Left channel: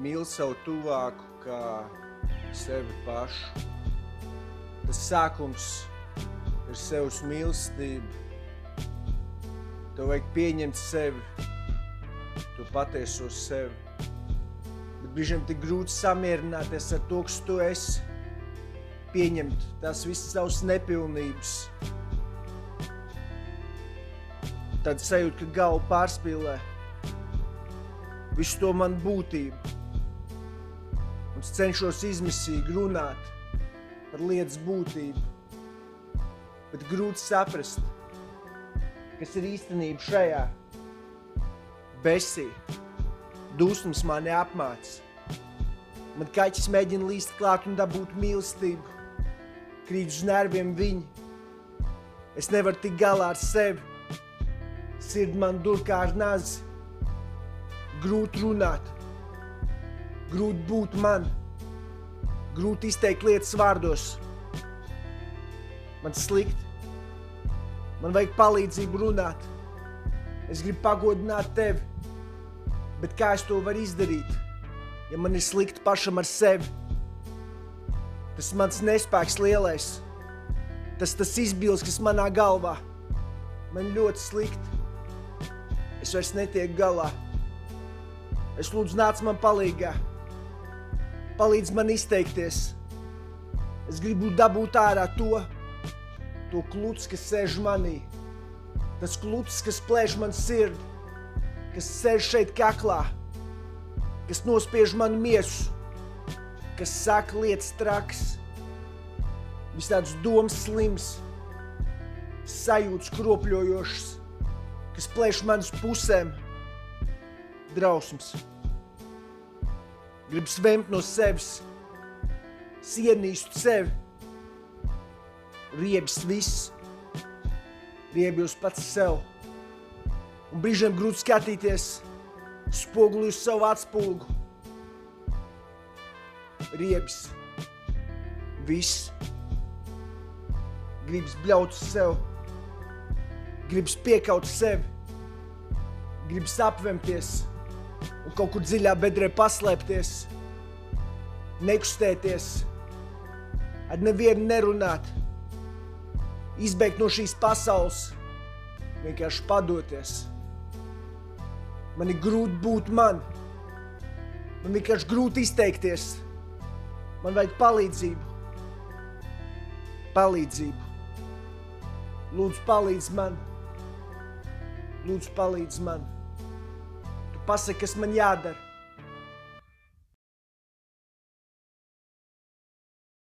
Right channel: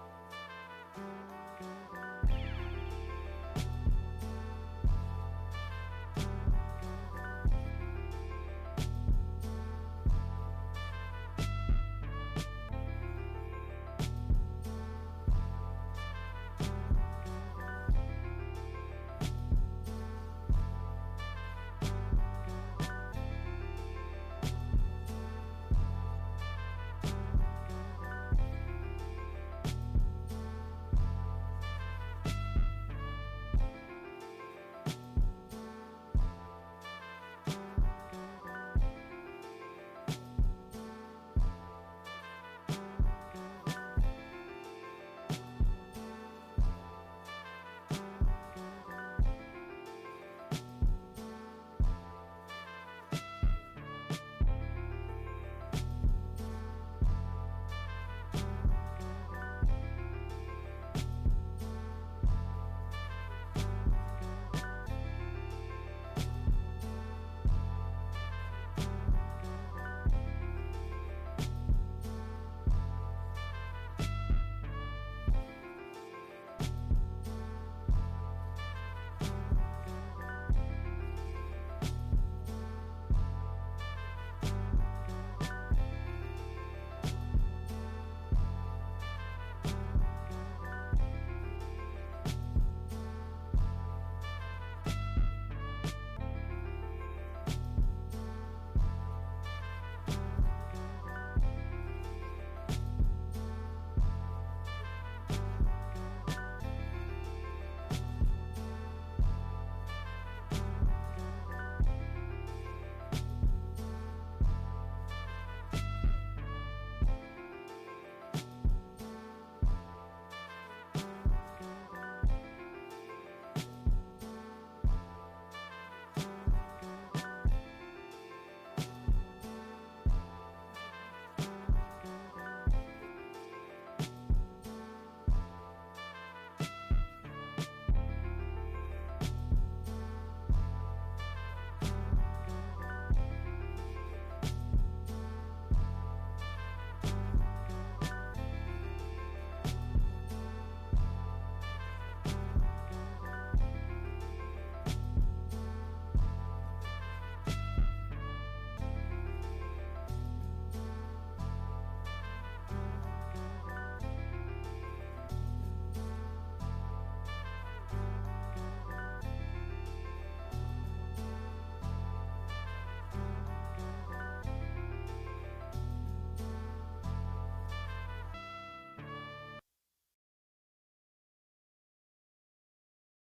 mīli savu tuvāku kā sevi pašu. Tas sākums ir sevs mīlestība. Tev vajag pieņemt sevi, to patieso sevi. Bet brīžiem tik grūti samierināties ar to, kas tu esi. Pieņemt tās visas savas nepilnības. Tad sajūt, ka galva pārspīlē visu to man būtību. Un es cenšos izmisīgi runāt par lietas būtību. Bet grūti saprast, kas ir īstenība šajā. Besī, dusmas mani apmāc. Man kaķis mēģina līst klāt un dabūt mīlestību. Krīt uz nerviem viņi. Es nevaru tikt galā ar sevi. Sird man dur kā ar nazi. Grūti runāt. Grūti būt man. Grūti izteikt lietas vārdos. Man slikt. Man vajag palīdzību runāt. Es gribu pagodināt tevi. Bet kā es to varu izdarīt, ja man ir slikti pašam ar sevi? Tas mans nespēks lielais. Tas izbils, kas manā galvā. Man ļoti slikti. Es vairs netieku galā. Es lūdzu nāc man palīgā. Palīdz man izteikties. Es gribu dabūt ārā to kluts, kas sēž manī. Tas kluts, kas plēš man sirdi. Kas sēž šeit kaklā. Kas nospiež manu miesu. Kas saka lietas traks. Visādus domas slims. Sajūtas kropļojošas. Kas plēš manas pusēm. Drausmas. Gribu svemt no sevis. Sienīstu sevi. Riebis viss. Riebjos pats sev. Un brīžiem grūti skatīties. Spoguli uz savu atspulgu. Riebis. Viss. Gribas bļaut uz sev. Gribas piekaut sevi. Gribas apvemties un kaut kur dziļā bedrē paslēpties. Nekustēties. Ar nevienu nerunāt. Izbēgt no šīs pasaules. Vienkārši padoties. Man ir grūti būt man. Man vienkārši grūti izteikties. Man vajag palīdzību. Palīdzību. Lūdzu, palīdz man. Lūdzu, palīdz man. Tu pasaki, kas man jādara.